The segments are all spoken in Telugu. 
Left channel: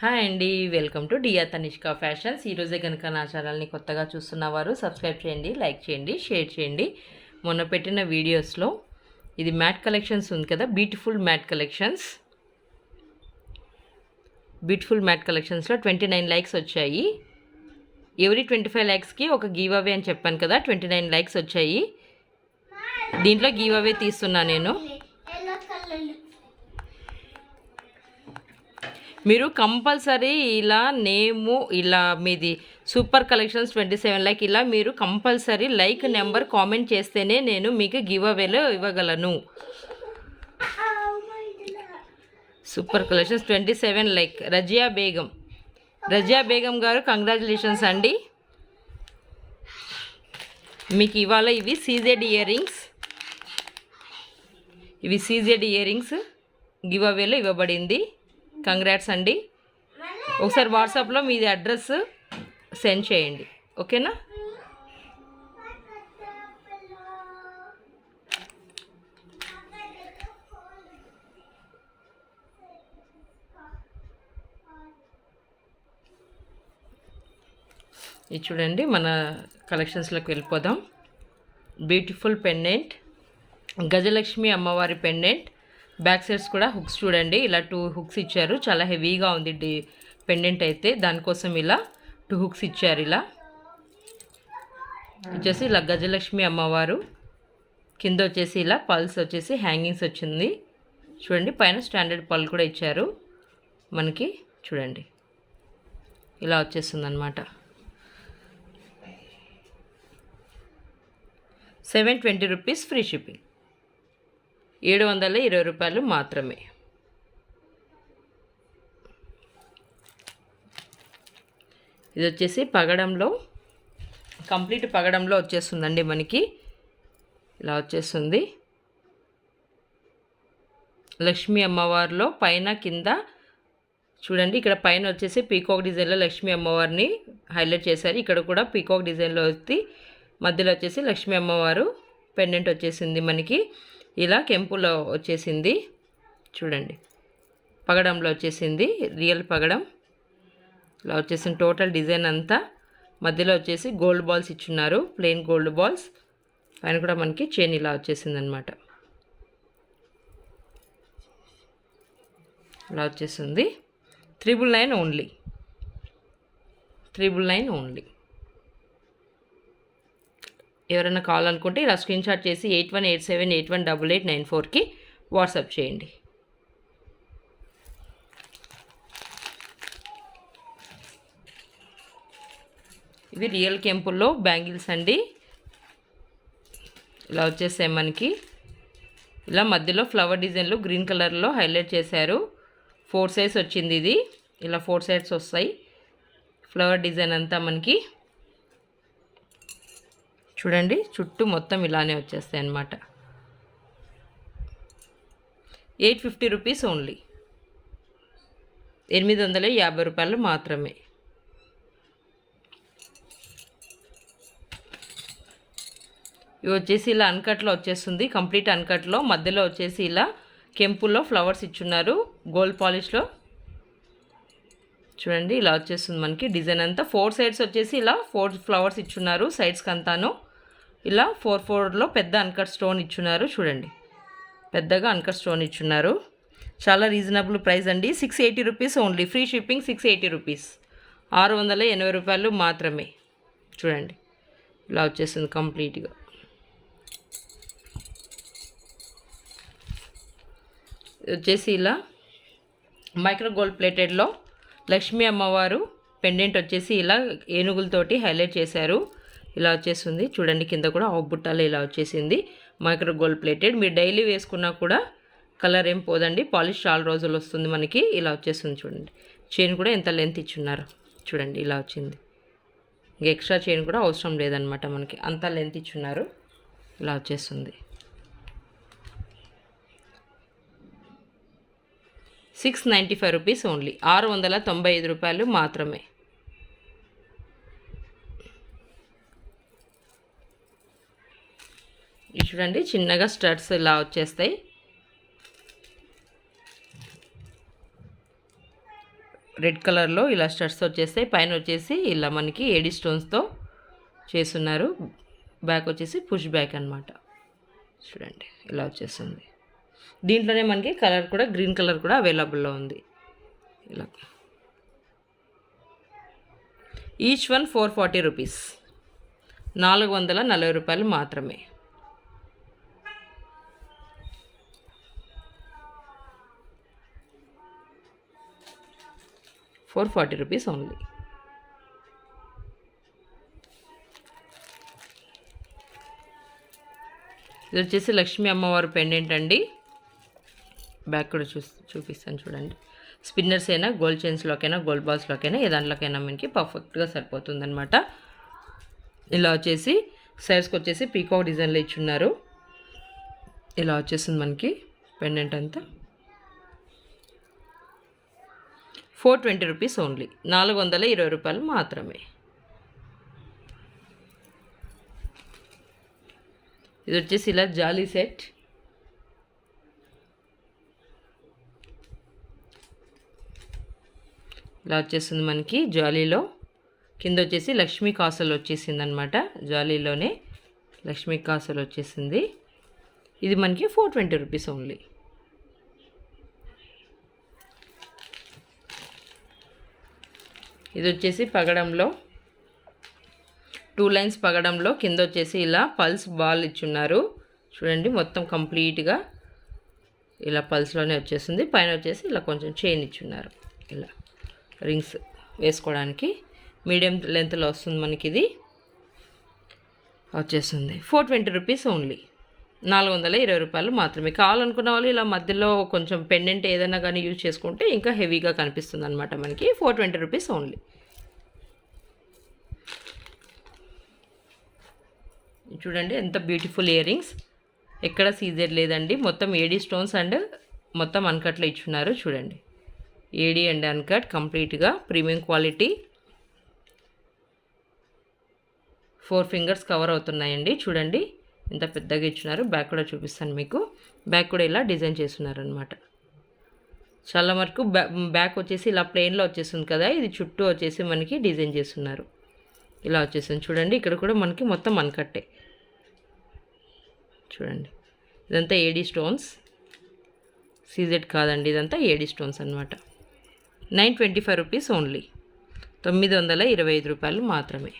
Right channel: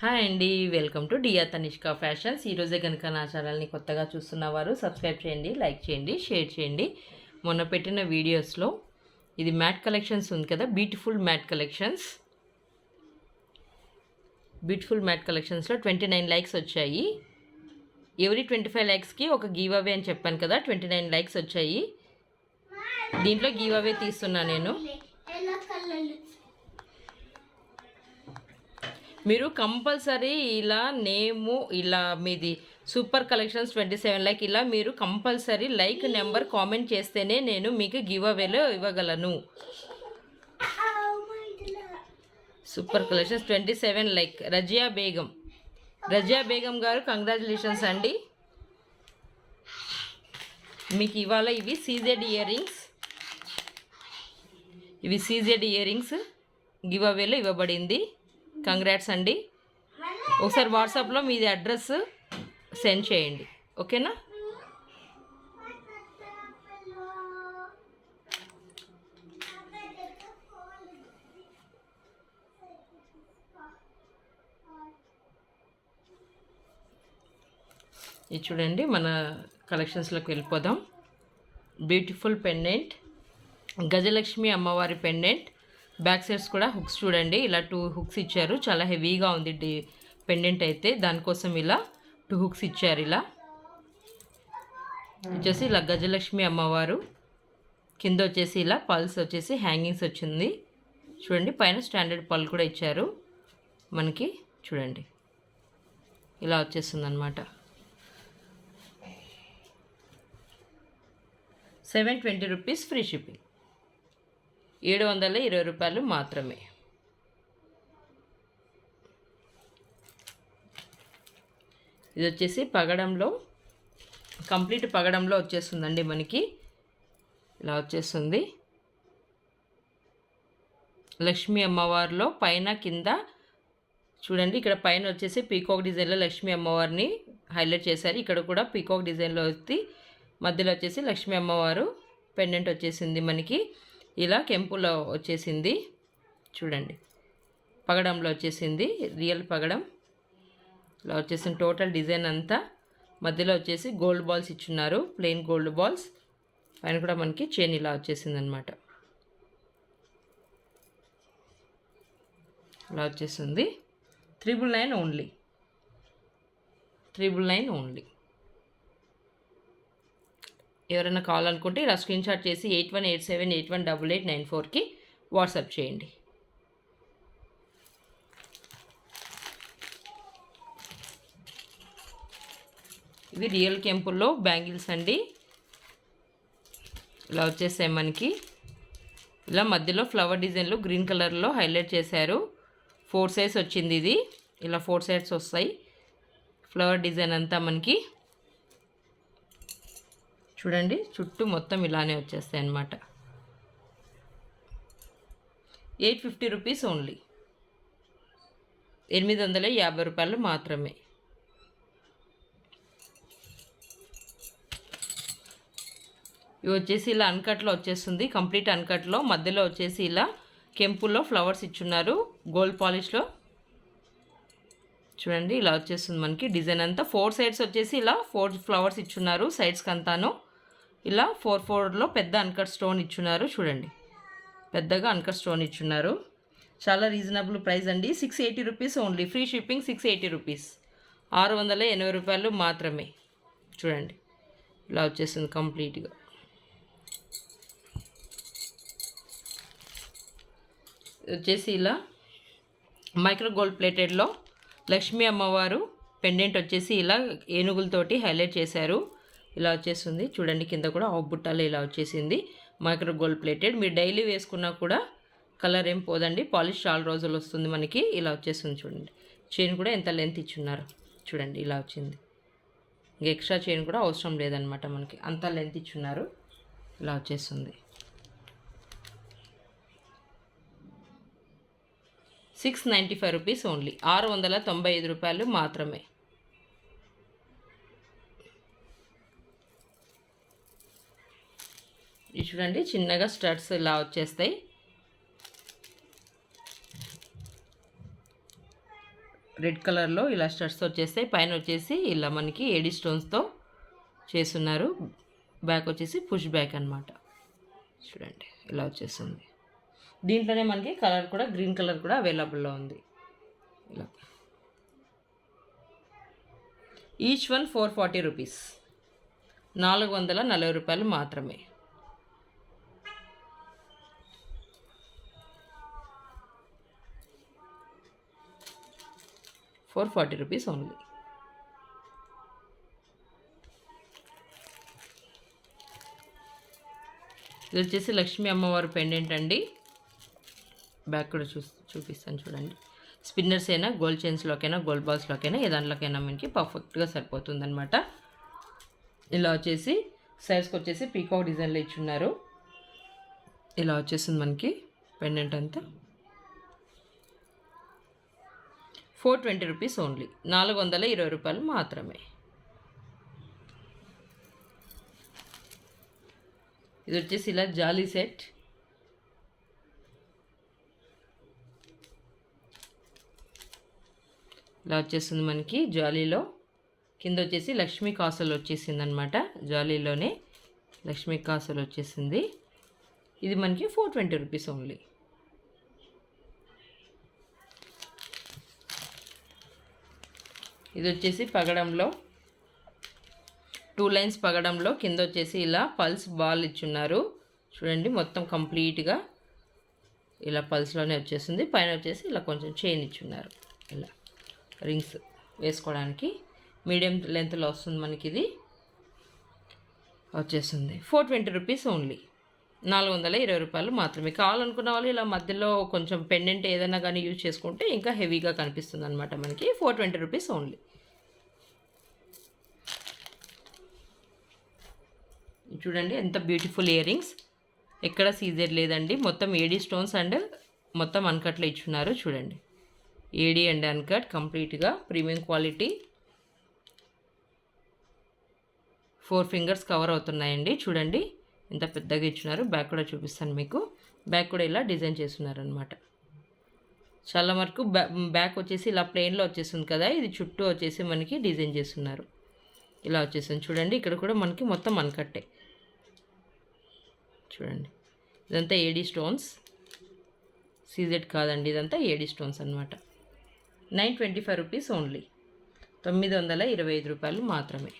హాయ్ అండి, వెల్కమ్ టు డియా తనిష్క ఫ్యాషన్స్. ఈరోజే కనుక నా ఛానల్ని కొత్తగా చూస్తున్నవారు సబ్స్క్రైబ్ చేయండి, లైక్ చేయండి, షేర్ చేయండి. మొన్న పెట్టిన వీడియోస్లో ఇది మ్యాట్ కలెక్షన్స్ ఉంది కదా, బ్యూటిఫుల్ మ్యాట్ కలెక్షన్స్లో 29 లైక్స్ వచ్చాయి. ఎవరి 25 లైక్స్కి ఒక గివ్ అవే అని చెప్పాను కదా, 29 లైక్స్ వచ్చాయి. దీంట్లో గివ్ అవే తీస్తున్నా నేను. మీరు కంపల్సరీ ఇలా నేము ఇలా మీది సూపర్ కలెక్షన్స్ 27 లైక్ ఇలా మీరు కంపల్సరీ లైక్ నెంబర్ కామెంట్ చేస్తేనే నేను మీకు గివ్ అవేలో ఇవ్వగలను. Super collections 27 like. Razia Begum గారు కంగ్రాచులేషన్స్ అండి. మీకు ఇవాళ ఇవి సీజెడ్ ఇయర్ రింగ్స్ గివ్ అవేలో ఇవ్వబడింది. కంగ్రాట్స్ అండి. ఒకసారి వాట్సాప్లో మీది అడ్రస్ సెండ్ చేయండి, ఓకేనా? ఇది చూడండి, మన కలెక్షన్స్లోకి వెళ్ళిపోదాం. బ్యూటిఫుల్ పెండెంట్, గజలక్ష్మి అమ్మవారి పెండెంట్. బ్యాక్ సైడ్స్ కూడా హుక్స్ చూడండి, ఇలా 2 హుక్స్ ఇచ్చారు. చాలా హెవీగా ఉంది పెండెంట్ అయితే, దానికోసం ఇలా 2 హుక్స్ ఇచ్చారు. ఇలా వచ్చేసి ఇలా గజలక్ష్మి అమ్మవారు, కింద వచ్చేసి ఇలా పల్స్ వచ్చేసి హ్యాంగింగ్స్ వచ్చింది చూడండి. పైన స్టాండర్డ్ పల్ కూడా ఇచ్చారు మనకి. చూడండి ఇలా వచ్చేస్తుంది అనమాట. 720 రూపీస్ ఫ్రీ షిప్పింగ్, 720 రూపాయలు మాత్రమే. ఇది వచ్చేసి పగడంలో, కంప్లీట్ పగడంలో వచ్చేస్తుందండి మనకి. ఇలా వచ్చేస్తుంది. లక్ష్మీ అమ్మవారిలో పైన కింద చూడండి, ఇక్కడ పైన వచ్చేసి పీకాక్ డిజైన్లో లక్ష్మీ అమ్మవారిని హైలైట్ చేశారు. ఇక్కడ కూడా పీకాక్ డిజైన్లో వచ్చి మధ్యలో వచ్చేసి లక్ష్మీ అమ్మవారు పెండెంట్ వచ్చేసింది మనకి. ఇలా కెంపులో వచ్చేసింది చూడండి, పగడంలో వచ్చేసింది, రియల్ పగడం. ఇలా వచ్చేసింది టోటల్ డిజైన్ అంతా. మధ్యలో వచ్చేసి గోల్డ్ బాల్స్ ఇచ్చున్నారు, ప్లెయిన్ గోల్డ్ బాల్స్. పైన కూడా మనకి చైన్ ఇలా వచ్చేసింది అనమాట. ఇలా వచ్చేసింది. 999 ఓన్లీ. ఎవరైనా కావాలనుకుంటే ఇలా స్క్రీన్షాట్ చేసి 8187818894కి వాట్సాప్ చేయండి. ఇది రియల్ కెంపుల్లో బ్యాంగిల్స్ అండి. ఇలా వచ్చేసాయి మనకి. ఇలా మధ్యలో ఫ్లవర్ డిజైన్లో గ్రీన్ కలర్లో హైలైట్ చేశారు. 4 సైడ్స్ వచ్చింది ఇది. ఇలా 4 సైడ్స్ వస్తాయి. ఫ్లవర్ డిజైన్ అంతా మనకి చూడండి, చుట్టూ మొత్తం ఇలానే వచ్చేస్తాయి అన్నమాట. 850 రూపీస్ ఓన్లీ, 850 రూపాయలు మాత్రమే. ఇవి వచ్చేసి ఇలా అన్కట్లో వచ్చేస్తుంది, కంప్లీట్ అన్కట్లో. మధ్యలో వచ్చేసి ఇలా కెంపుల్లో ఫ్లవర్స్ ఇచ్చున్నారు గోల్డ్ పాలిష్లో. చూడండి ఇలా వచ్చేస్తుంది మనకి డిజైన్ అంతా. 4 సైడ్స్ వచ్చేసి ఇలా 4 ఫ్లవర్స్ ఇచ్చున్నారు సైడ్స్కి అంతాను. ఇలా 4/4లో పెద్ద అన్కట్ స్టోన్ ఇచ్చున్నారు చూడండి, పెద్దగా అన్కట్ స్టోన్ ఇచ్చున్నారు. చాలా రీజనబుల్ ప్రైస్ అండి. 680 rupees only, free shipping. 680 rupees, 680 రూపాయలు మాత్రమే. చూడండి ఇలా వచ్చేసింది కంప్లీట్గా. వచ్చేసి ఇలా మైక్రో గోల్డ్ ప్లేటెడ్లో లక్ష్మీ అమ్మవారు పెండెంట్ వచ్చేసి ఇలా ఏనుగులతోటి హైలైట్ చేశారు. ఇలా వచ్చేసింది చూడండి, కింద కూడా ఆఫ్ బుట్టాలు ఇలా వచ్చేసింది. Micro gold plated. మీరు డైలీ వేసుకున్నా కూడా కలర్ ఏం పోదండి, పాలిష్ చాలా రోజులు వస్తుంది మనకి. ఇలా వచ్చేస్తుంది చూడండి. చైన్ కూడా ఎంత లెంత్ ఇచ్చున్నారు చూడండి, ఇలా వచ్చింది. ఇంకా ఎక్స్ట్రా చైన్ కూడా అవసరం లేదనమాట మనకి, అంత లెంత్ ఇచ్చున్నారు. ఇలా వచ్చేస్తుంది. 695 రూపీస్ ఓన్లీ, 695 రూపాయలు మాత్రమే. ఇది చూడండి, చిన్నగా స్టడ్స్ ఇలా వచ్చేస్తాయి. రెడ్ కలర్లో ఇలా స్టడ్స్ వచ్చేస్తాయి. పైన వచ్చేసి ఇలా మనకి ఏడీ స్టోన్స్తో చేస్తున్నారు. బ్యాక్ వచ్చేసి పుష్ బ్యాక్ అనమాట. చూడండి ఇలా వచ్చేస్తుంది. దీంట్లోనే మనకి కలర్ కూడా గ్రీన్ కలర్ కూడా అవైలబుల్లో ఉంది. ఇలా ఈచ్ వన్ 440 రూపీస్, 440 రూపాయలు మాత్రమే. ₹440 ఓన్లీ. ఇది వచ్చేసి లక్ష్మీ అమ్మవారి పెండెంట్ అండి. బ్యాక్ కూడా చూపిస్తాను చూడండి. స్పిన్నర్స్ అయినా, గోల్డ్ చైన్స్లోకైనా, గోల్డ్ బాల్స్లోకైనా ఏ దాంట్లోకైనా మనకి పర్ఫెక్ట్గా సరిపోతుందన్నమాట. ఇలా వచ్చేసి సైడ్స్కి వచ్చేసి పీకాక్ డిజైన్లో ఇచ్చున్నారు. ఇలా వచ్చేసింది మనకి పెండెంట్ అంతా. 420 రూపీస్ ఓన్లీ, 420 రూపాయలు మాత్రమే. ఇది వచ్చేసి ఇలా జాలీ సెట్. ఇలా వచ్చేస్తుంది మనకి జాలీలో. కింద వచ్చేసి లక్ష్మీ కాసులు వచ్చేసింది అనమాట. జాలీలోనే లక్ష్మీ కాసులు వచ్చేసింది. ఇది మనకి 420 రూపీస్ ఓన్లీ. ఇది వచ్చేసి పగడంలో 2 లైన్స్ పగడంలో కింద వచ్చేసి ఇలా పల్స్ బాల్ ఇచ్చున్నారు. చూడండి మొత్తం కంప్లీట్గా ఇలా పల్స్లోనే వచ్చేస్తుంది. పైన వచ్చేసి ఇలా కొంచెం చైన్ ఇచ్చున్నారు. ఇలా రింగ్స్ వేసుకోవడానికి మీడియం లెంత్లో వస్తుంది మనకి. ఇది వచ్చేస్తుంది 420 రూపీస్ ఓన్లీ, 420 రూపాయలు మాత్రమే. కావాలనుకున్న వాళ్ళు ఇలా మధ్యలో కొంచెం పెండెంట్ ఏదైనా కానీ యూజ్ చేసుకుంటే ఇంకా హెవీగా కనిపిస్తుంది అనమాట మనకి. 420 రూపీస్ ఓన్లీ. చూడండి ఎంత బ్యూటిఫుల్ ఇయర్ రింగ్స్. ఎక్కడ సీజర్ లేదండి. మొత్తం ఏడీ స్టోన్స్ అండ్ మొత్తం అన్కట్లో ఇచ్చున్నారు. చూడండి ఏడీ అండ్ అన్కట్ కంప్లీట్గా ప్రీమియం క్వాలిటీ. 4 ఫింగర్స్ కవర్ అవుతున్నాయండి. చూడండి ఎంత పెద్దగా ఇచ్చున్నారు. బ్యాక్ కూడా చూపిస్తాను మీకు. బ్యాక్ కూడా ఇలా డిజైన్ చేస్తున్నారు అనమాట. చాలా వరకు బ్యాక్ వచ్చేసి ఇలా ప్లెయిన్లో వచ్చేస్తుంది కదా. ఇది చుట్టూ వచ్చేసి మనకి డిజైన్ చేస్తున్నారు. ఇలా వచ్చేసింది చూడండి. ఇక్కడ కూడా మనకి మొత్తం అన్కట్టే. చూడండి ఇదంతా ఏడీ స్టోన్స్, సీజెడ్ కాదండి, ఇదంతా ఏడీ స్టోన్స్ అనమాట. 925 రూపీస్ ఓన్లీ, 925 రూపాయలు మాత్రమే.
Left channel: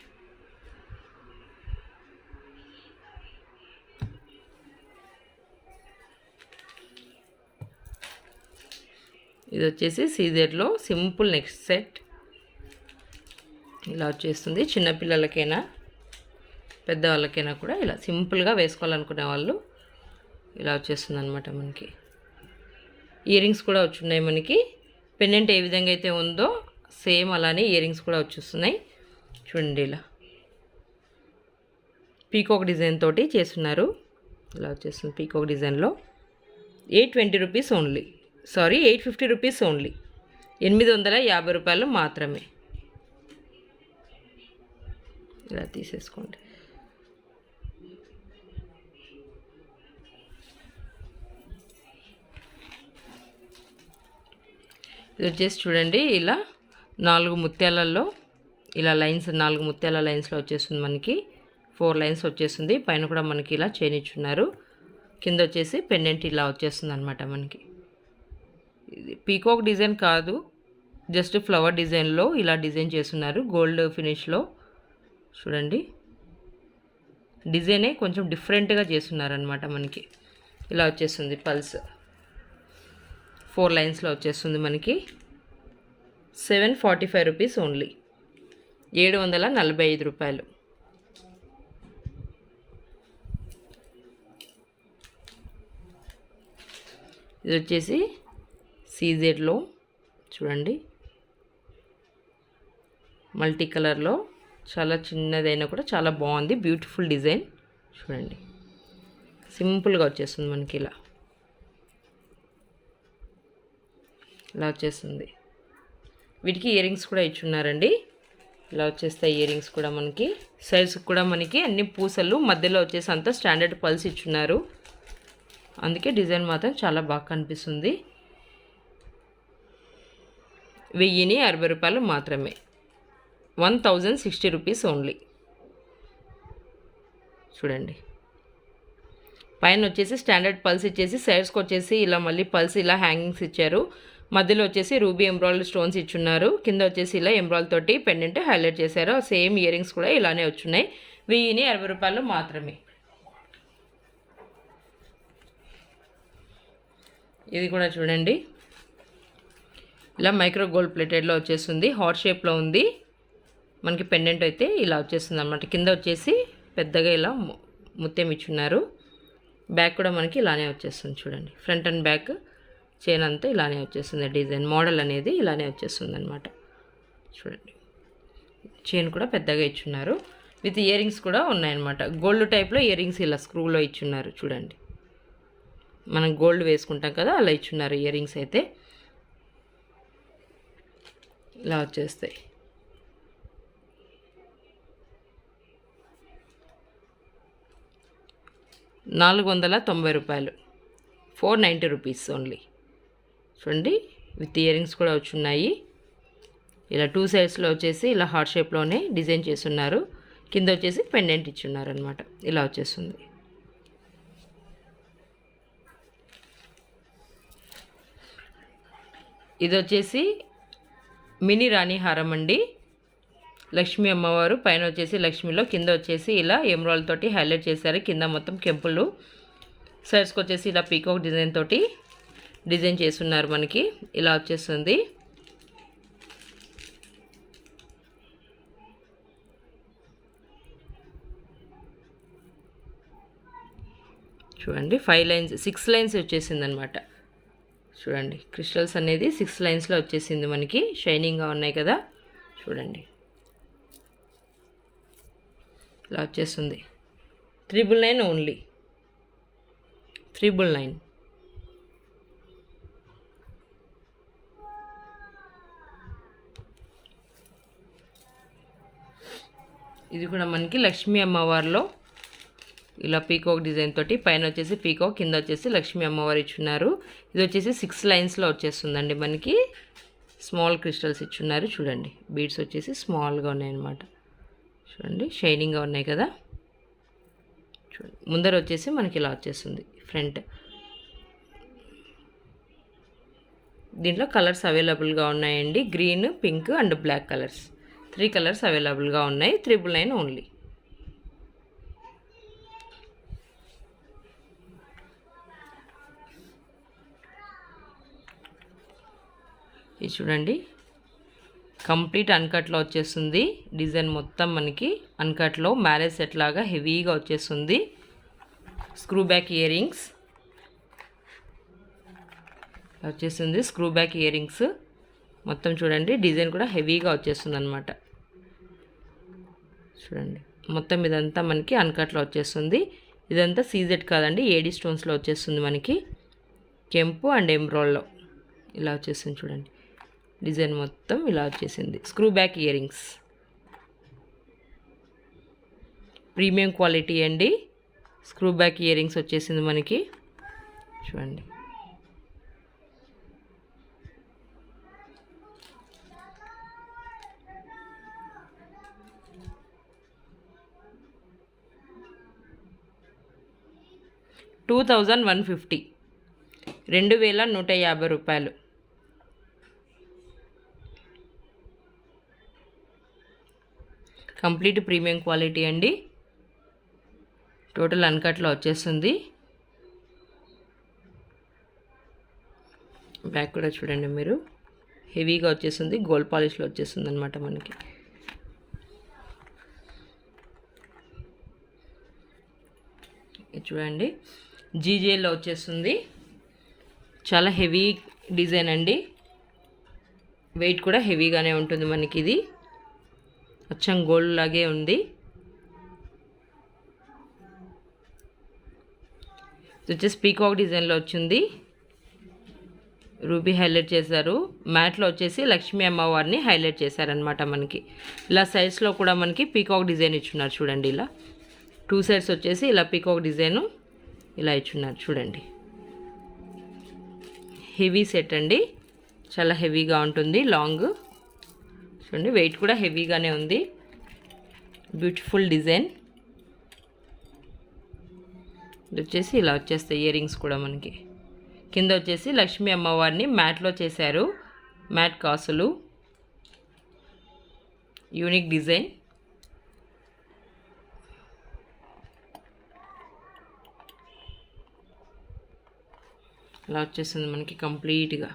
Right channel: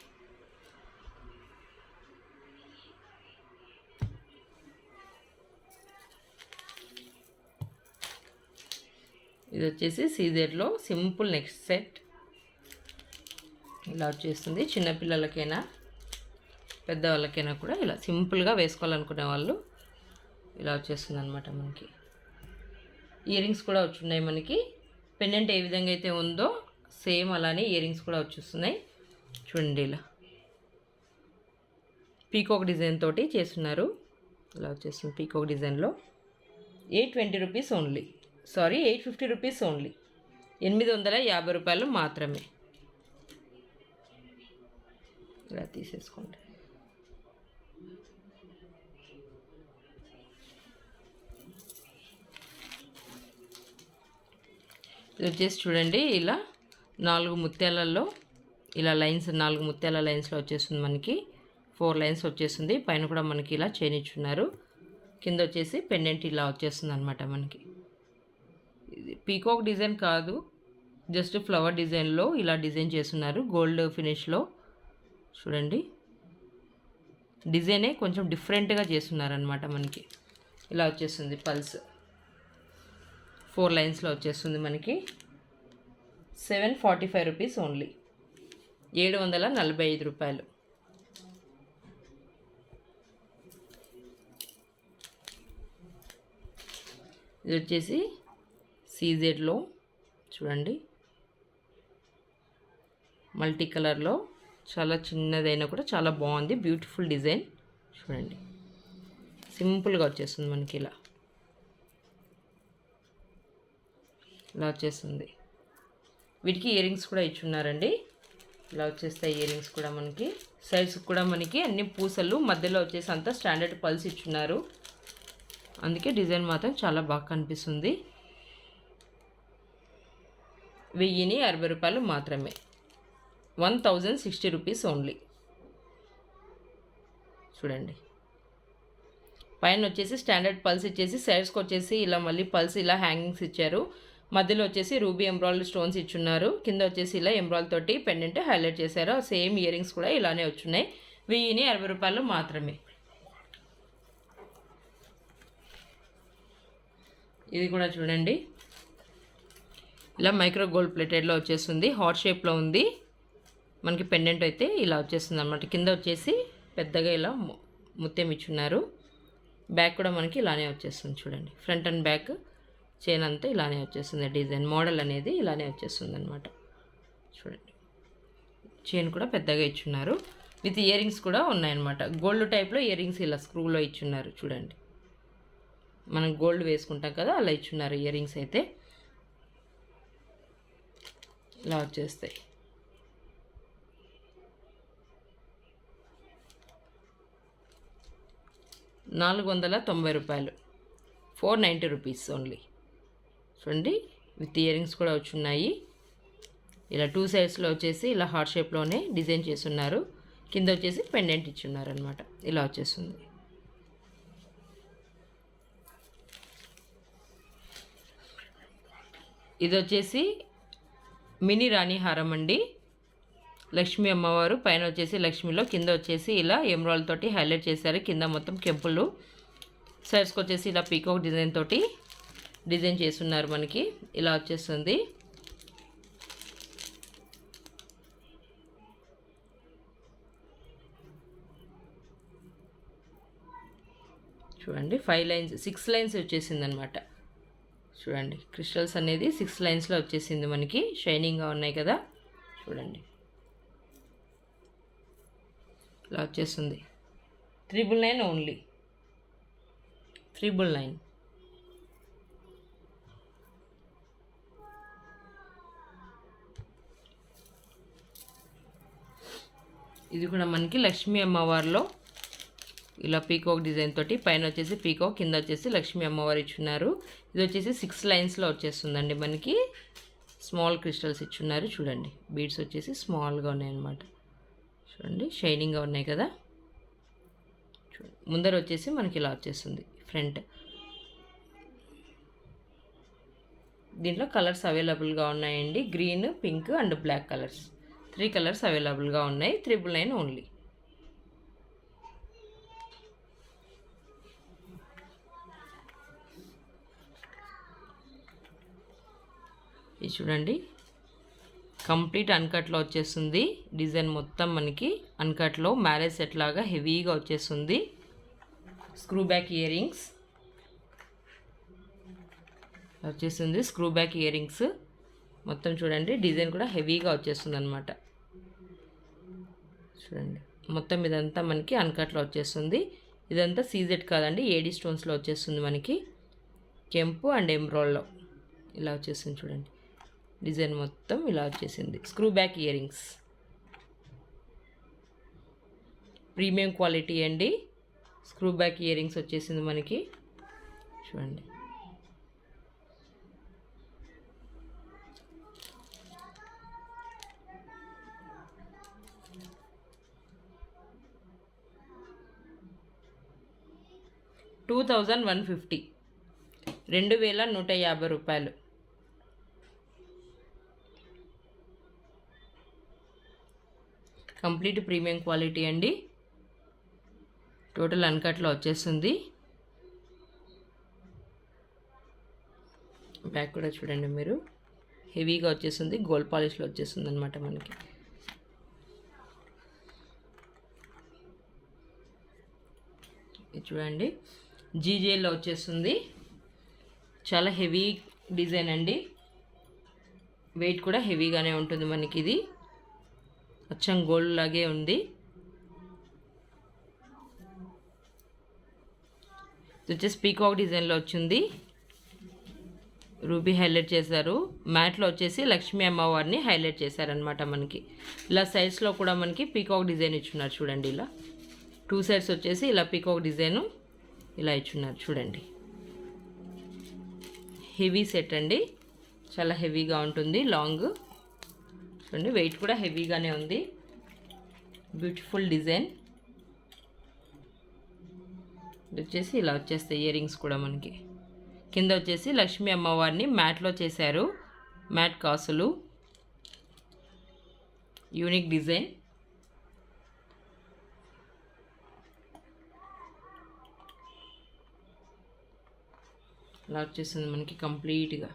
ఇది వచ్చేసి సీజెడ్లో సింపుల్ నెక్ సెట్. ఇలా వచ్చేస్తుంది. చిన్నపిల్లలకైనా పెద్దవాళ్ళకైనా కూడా ఇలా సింపుల్గా వేసుకోవాలనుకునే వాళ్ళు ఇలా వచ్చేస్తుంది అనమాట మనకి. ఇయర్ రింగ్స్ కూడా వచ్చున్నాయి మనకి. పెండెంట్ ఏ విధంగా అయితే ఉందో సేమ్ అలానే ఇయర్ రింగ్స్ కూడా వచ్చేస్తున్నాయి. చూడండి ఇలా పీకాక్ డిజైన్ తోటి చేస్తున్నారు. ఇలా వచ్చేస్తుంది పీకాక్ డిజైన్లో. 820 రూపీస్ ఓన్లీ, 850 రూపీస్ ఓన్లీ, 850 రూపాయలు మాత్రమే. ఇలా తీసేసుకోండి. ఇది వచ్చేసి చూడండి ఇలా 4 ముత్యాలలో ఇలా లైన్స్, 4 ముత్యాల లైన్స్లో వచ్చేస్తుంది మనకి. 4 లైన్స్ వచ్చేస్తుంది. పైన కూడా మనకి ఇలా చైన్ ఇచ్చున్నారు. కింద వచ్చేసి పెండెంట్ ఇలా వచ్చేస్తుంది అనమాట మనకి. ఇది పీకాక్ డిజైన్ కాదు, జస్ట్ ఫ్లవర్ డిజైన్లో ఇలా డిజైన్ చేస్తున్నారు. గోల్డ్ ఫినిష్లో చూడండి. డిజైనే కొంచెం డిఫరెంట్గా చేస్తున్నారనమాట మనకి. ఇలా వచ్చేస్తుంది పల్స్. 4 లైన్స్లో వచ్చేస్తుంది మనకి. 745 రూపీస్ ఓన్లీ, 745 రూపాయలు. ఇది వచ్చేసి సీజెడ్లో చూడండి మల్టీ కలర్లో చాలా చిన్నదైనా కూడా చాలా బాగుంది. బ్యూటిఫుల్ డిజైన్ చూడండి. సింపుల్గా వచ్చేస్తుంది మనకి. ఇలా ఇలా వచ్చేస్తుంది. వీటికి ఇయర్ రింగ్స్ కూడా ఇచ్చున్నారండి. ఇలా వచ్చేస్తాయి ఇయర్ రింగ్స్ కూడా మనకి. సైడ్స్ కూడా మనకి అన్ని పూసలు, మధ్యలో వచ్చేసి అంతా స్టాండర్డ్ పల్స్ ఇచ్చున్నారు. అందుకే డిజైన్ మాత్రం చాలా బాగా కనిపిస్తుంది. ₹1060 మాత్రమే. 1060 రూపీస్ ఓన్లీ. చూడండి, పైన వచ్చేసి స్టాండర్డ్ పల్స్ ఇచ్చేసి సైడ్స్కి వచ్చేసి ఇలా మళ్ళీ పల్స్ ఇలా హ్యాంగింగ్స్ ఇచ్చారు. మధ్యలో వచ్చేసి రూబీ ఎంబ్రాయిడరీ స్టోన్స్ ఇచ్చున్నారు. కింద వచ్చేసి ఇలా ఎంబ్రాయిడరీ తోటి పెండెంట్ హైలైట్ చేశారు. సేమ్ ఇయర్ రింగ్స్ కూడా ఇలానే వచ్చున్నాయి. ₹1060 మాత్రమే. ఇది కూడా చూడండి, ఇలా మైక్రో గోల్డ్ ప్లేటెడ్లో వచ్చేస్తుంది. హార్ట్ షేప్లో ఉంది. మనకి పెండెంట్ అయితే ఇలా వచ్చేస్తుంది అన్నమాట. కింద వచ్చేసి పెద్దగా ఇలా ముత్యం ఇచ్చున్నారు. బ్యాక్ కూడా మనకి ఇలానే వచ్చేస్తుంది. చూడండి, ఫ్రంట్ అండ్ బ్యాక్ చైన్ అంతా ఇలానే వచ్చేస్తుంది. డిజైన్ మోడల్ అనేది ఇలానే వచ్చేస్తుంది అనమాట. చూడండి, చైన్ కూడా పెద్దగా ఇచ్చున్నారు. విత్ ఇయర్ రింగ్స్ కూడా ఉన్నాయన్నమాట. గోల్డ్ టైప్లో ఇయర్ రింగ్స్ ఇలా స్క్రూలో ఇచ్చున్నారు. చూడండి, మనం గోల్డ్ వేసుకుంటాం కదా, అలా ఇచ్చున్నారు ఇయర్ రింగ్స్ అయితే. ఇలా వచ్చేస్తాయి. ₹490, 490 రూపీస్ ఓన్లీ. చూడండి, విత్ ఇయర్ రింగ్స్ కూడా వచ్చున్నాయి. ఇలా 2 సైడ్స్లో వచ్చేసి ఇలా హార్ట్ షేప్లోనే డిజైన్ చేస్తున్నారు. కింద వచ్చేసి పెండెంట్ ఇచ్చున్నారు అనమాట. ఇలా వచ్చేస్తుంది. ఇది వచ్చేసి మినీ రాణి హారం అండి. లక్ష్మీ అమ్మవారు పైన వచ్చేసి లక్ష్మిలో, కింద వచ్చేసి ఇలా ఎమరాల్డ్ తోటి హైలైట్ చేశారు. కింద మొత్తం కెంపులు, సైడ్స్కి వచ్చేసి ఇలా పీకాక్ డిజైన్ తోటి డిజైన్ చేస్తున్నారు. మనకి ఇలా వచ్చేస్తుంది. చూడండి, 5 లైన్స్ 6 లైన్స్ వచ్చేసింది అనమాట. చూడండి, క్రిస్టల్స్ అనేది 6 లైన్స్లో వచ్చేసింది. మనకి షైనింగ్గా ఉన్నాయి కదా. చూడండి, ఇలా వచ్చేస్తుంది. 999 ఓన్లీ. 999. ఇది కూడా మనకి లక్ష్మీ అమ్మవారిలో ఇలా పీకాక్ డిజైన్ తోటి పైన వచ్చేసి పీకాక్, కింద వచ్చేసి లక్ష్మీ అమ్మవారు ఇచ్చున్నారు. ఇది వచ్చేసి 6 లైన్స్లో వచ్చేస్తుందండి. మనకి స్మాల్ క్రిస్టల్స్ ఇచ్చున్నారు. చూడండి, బీడ్స్ వచ్చేసి స్మాల్గా ఉన్నాయన్నమాట. చూడండి, షైనింగ్గా ఉన్నాయి కదా. చూడండి, ముందర వచ్చేసి మనకి ఇలా వచ్చేస్తుంది ఫ్రంట్. దీంట్లో కలర్స్ అవైలబుల్గా ఉన్నాయండి. Green, pink and black colours. 3 colours అవైలబుల్గా ఉన్నాయి. 999 ఓన్లీ. ఇది చూడండి, కంప్లీట్ అన్కట్లో వచ్చేస్తుంది. డిజైన్ మొత్తం మనకి అన్కట్లో మ్యారేజ్ సెట్ లాగా హెవీగా వచ్చేస్తుంది. స్క్రూ బ్యాక్ ఇయర్ రింగ్స్ వచ్చేస్తుంది. స్క్రూ బ్యాక్ ఇయర్ రింగ్స్ మొత్తం చూడండి, డిజైన్ కూడా హెవీగా వచ్చేస్తుంది అనమాట. చూడండి, మొత్తం ఇదంతా మనకి అన్కట్లో వచ్చేస్తుంది. ఇదంతా సీజెడ్ కాదండి, ఏడీ స్టోన్స్లో వచ్చేస్తుంది. మనకి కెంపు అండ్ ఎంబ్రాయిడ్లో ఇలా వచ్చేస్తుంది. చూడండి, డిజైన్ మొత్తం ఇలా వచ్చేసింది. Screw back ear rings premium quality అండి. స్క్రూ బ్యాక్ ఇయర్ రింగ్స్ వచ్చేసింది మనకి. చూడండి, $2150, $2150. కంప్లీట్ ప్రీమియం క్వాలిటీ అండి. టోటల్ అన్కట్లో వచ్చేస్తుంది. బ్యాక్ కూడా చూడండి మీరు, హెవీగా వచ్చేస్తుంది. గోల్డ్ పాలిష్లో వచ్చేస్తుంది అనమాట మనకి. చూడండి, జీజేలో వచ్చేస్తుంది. చాలా హెవీ డిజైన్ అండి. వెయిట్ కూడా హెవీగానే ఉంటుంది మనకి. ఇది అచ్చం గోల్డ్ లాగే ఉంది. ఇది వచ్చేసి పీకాక్ డిజైన్లో వచ్చింది. రూబీ హైలైట్ చేశారు. మ్యాట్లో వచ్చేసి లక్ష్మీ అమ్మవారిని హైలైట్ చేశారనమాట మనకి. ఇలా సైడ్స్లో కూడా మనకి పీకాక్ డిజైన్ ఇచ్చున్నారు. చూడండి, ఇలా 2 సైడ్స్ వచ్చేసి ఇలా పీకాక్ డిజైను ఇలా ఇచ్చున్నారు. చూడండి, హెవీ సెట్ అండి, చాలా హెవీగా ఉంటుంది. లాంగ్ చూడండి, వెయిట్ కూడా హెవీగానే ఉంది. Beautiful design. ఇది వచ్చేసి ఇలా వచ్చేస్తాయి ఇయర్ రింగ్స్ కూడా మనకి. కింద వచ్చేసి లక్ష్మీ అమ్మవారిని మ్యాట్లో చేశారు. మ్యాట్ కాసులు, యూనిక్ డిజైన్. ఇలా వచ్చేస్తుంది మనకి కంప్లీట్గా.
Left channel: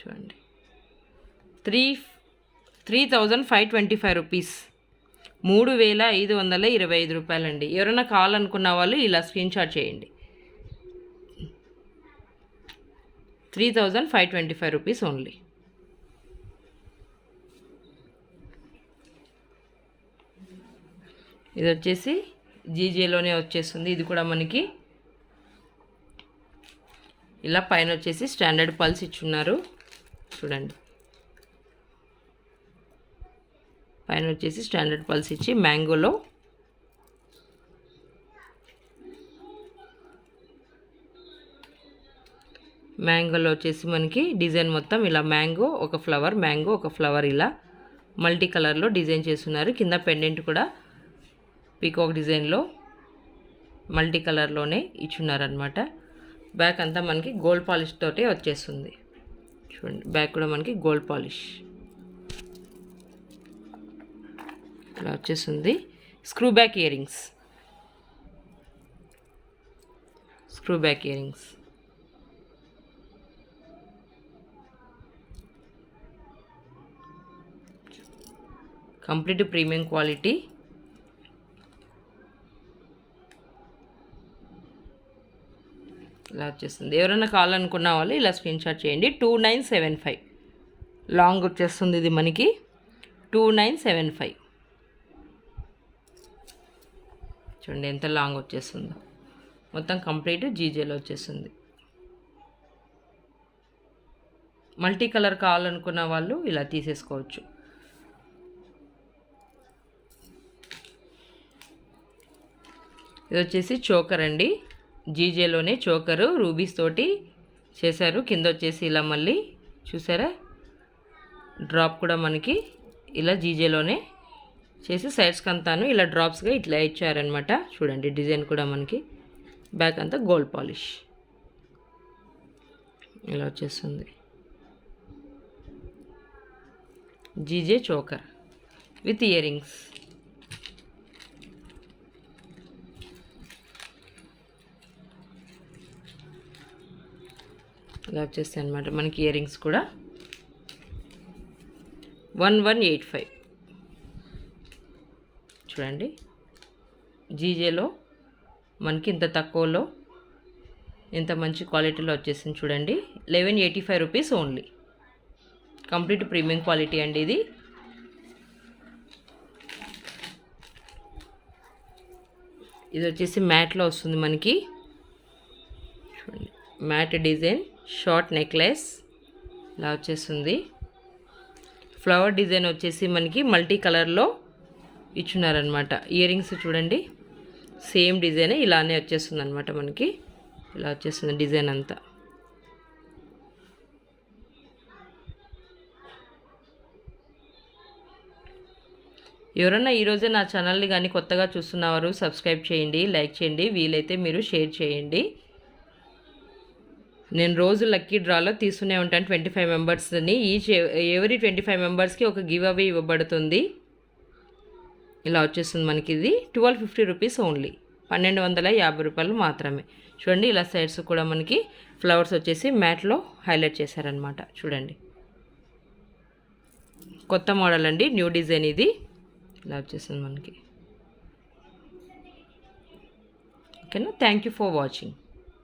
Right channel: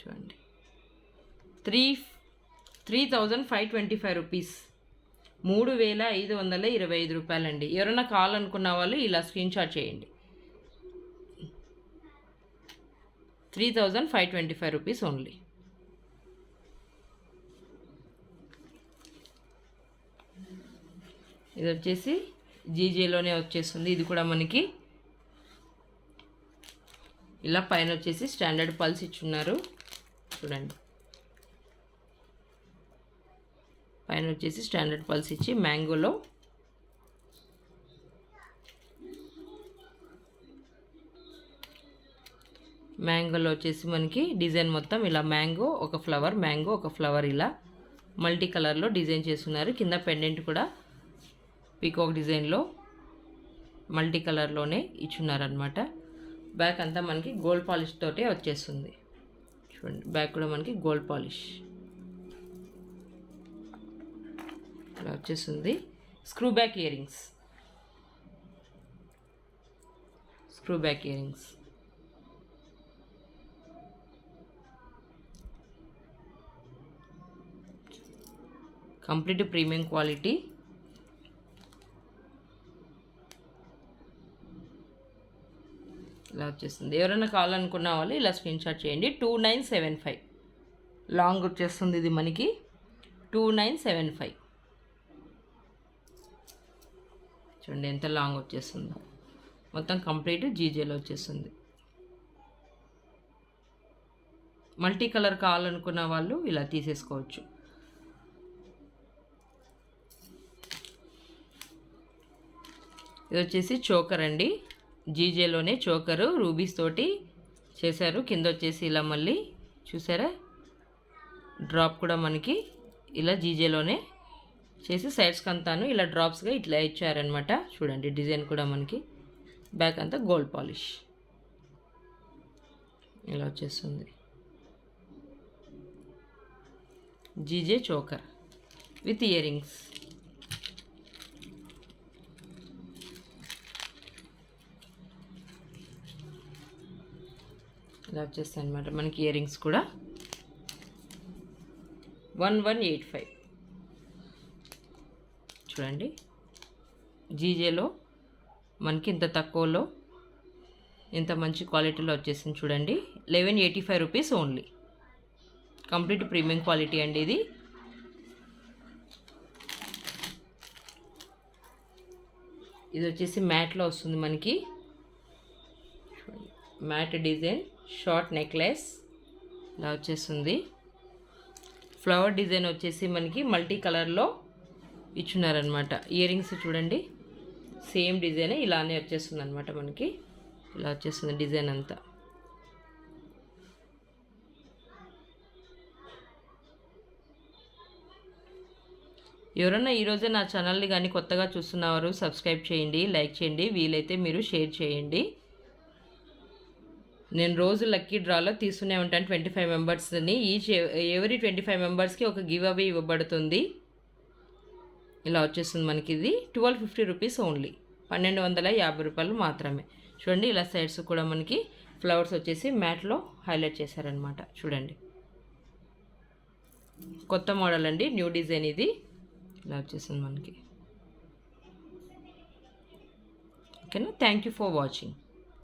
చూడండి, 3,525 రూపీస్, 3,525 రూపాయలండి. ఎవరైనా కావాలనుకున్న వాళ్ళు ఇలా స్క్రీన్ షాట్ చేయండి. 3,525 రూపీస్ ఓన్లీ. ఇది వచ్చేసి జీజేలోనే వచ్చేస్తుంది. ఇది కూడా మనకి ఇలా పైన వచ్చేసి స్టాండర్డ్ పల్స్ ఇచ్చున్నారు. చూడండి, పైన వచ్చేసి స్టాండర్డ్ పల్స్ ఇచ్చి మ్యాంగోలో వచ్చేసి మనకి డిజైన్ మొత్తం ఇలా మ్యాంగో ఒక ఫ్లవర్ ఇలా మల్టీ కలర్లో డిజైన్ చేస్తున్నారు. కింద పెండెంట్ కూడా పీకాక్ డిజైన్లో మల్టీ కలర్లోనే ఇచ్చున్నారనమాట. బ్యాక్ అంతా మనకి గోల్డ్ పాలిష్ తోటే వచ్చేస్తుంది. చూడండి, బ్యాక్ కూడా మనకి గోల్డ్ పాలిష్ ఇలా వచ్చేస్తుంది. Screw back ear rings, complete premium quality. ఇలా వచ్చేస్తుంది. ఎవరైనా కావాలనుకున్న వాళ్ళు ఇలా స్క్రీన్ షాట్ చేయండి. 2975 లాంగ్ వచ్చేస్తుంది ఇది మనకి. 2975 చూడండి ఎంత లాంగ్ వచ్చేస్తుందో. మొత్తం కంప్లీట్ జీజేలో వచ్చేస్తుంది. మల్టీ కలర్ కావాలనుకున్న వాళ్ళు ఇలా తీసేసుకోవచ్చు. ఇది వచ్చేసి చోకర్ అండి. జీజేలోనే చోకరు రూబీస్ తోటి చేశారు. కింద వచ్చేసి ఇలా మళ్ళీ చూసారా డ్రాప్ కూడా మనకి ఇలా జీజేలోనే చేసి సైడ్స్కి అంతాను ఇలా డ్రాప్స్గా ఇట్లా ఇచ్చారనమాట. చూడండి, డిజైన్ కూడా మనకి బ్యాక్ అంతా గోల్డ్ పాలిష్ ఇలా వచ్చేస్తుంది. GJ choker with ear rings. ఇలా వచ్చేస్తాయి అనమాట మనకి ఇయర్ రింగ్స్ కూడా. 1185 చూడండి, జీజేలో మనకి ఇంత తక్కువలో ఇంత మంచి క్వాలిటీలో వచ్చేసింది. చూడండి, 1185 rupees only. Complete premium quality అండి ఇది. ఇది వచ్చేసి మ్యాట్లో వస్తుంది మనకి. చూడండి, మ్యాట్ డిజైన్ షార్ట్ నెక్లెస్ ఇలా వచ్చేస్తుంది. ఫ్లవర్ డిజైన్ వచ్చేసి మనకి మల్టీ కలర్లో ఇచ్చున్నారనమాట. ఇయర్ రింగ్స్ చూడండి, సేమ్ డిజైన్ ఇలానే వచ్చేస్తుంది అనమాట మనకి. ఇలా వచ్చేస్తుంది డిజైన్ అంతా. ఎవరన్నా ఈరోజే నా ఛానల్ని కానీ కొత్తగా చూస్తున్నవారు సబ్స్క్రైబ్ చేయండి, లైక్ చేయండి, వీలైతే మీరు షేర్ చేయండి. నేను రోజు లక్కీ డ్రాలో తీస్తూనే ఉంటాను 25 మెంబర్స్ని. ఎవరీ 25 మెంబర్స్కి ఒక గివ్ అవే ఇవ్వబడుతుంది. ఇలా వచ్చేస్తుంది మనకి. ఇది 1250 రూపీస్ ఓన్లీ, 1250 రూపాయలు మాత్రమే. చూడండి, ఇలా సైడ్స్ కూడా మనకి ఫ్లవర్స్ వచ్చేసి మ్యాట్లో హైలైట్ చేశారనమాట. చూడండి, కొత్త మోడల్ అండి, న్యూ డిజైన్ ఇది. ఇలా వచ్చేస్తుంది మనకి. ఓకేనా, థ్యాంక్ యూ ఫర్ వాచింగ్.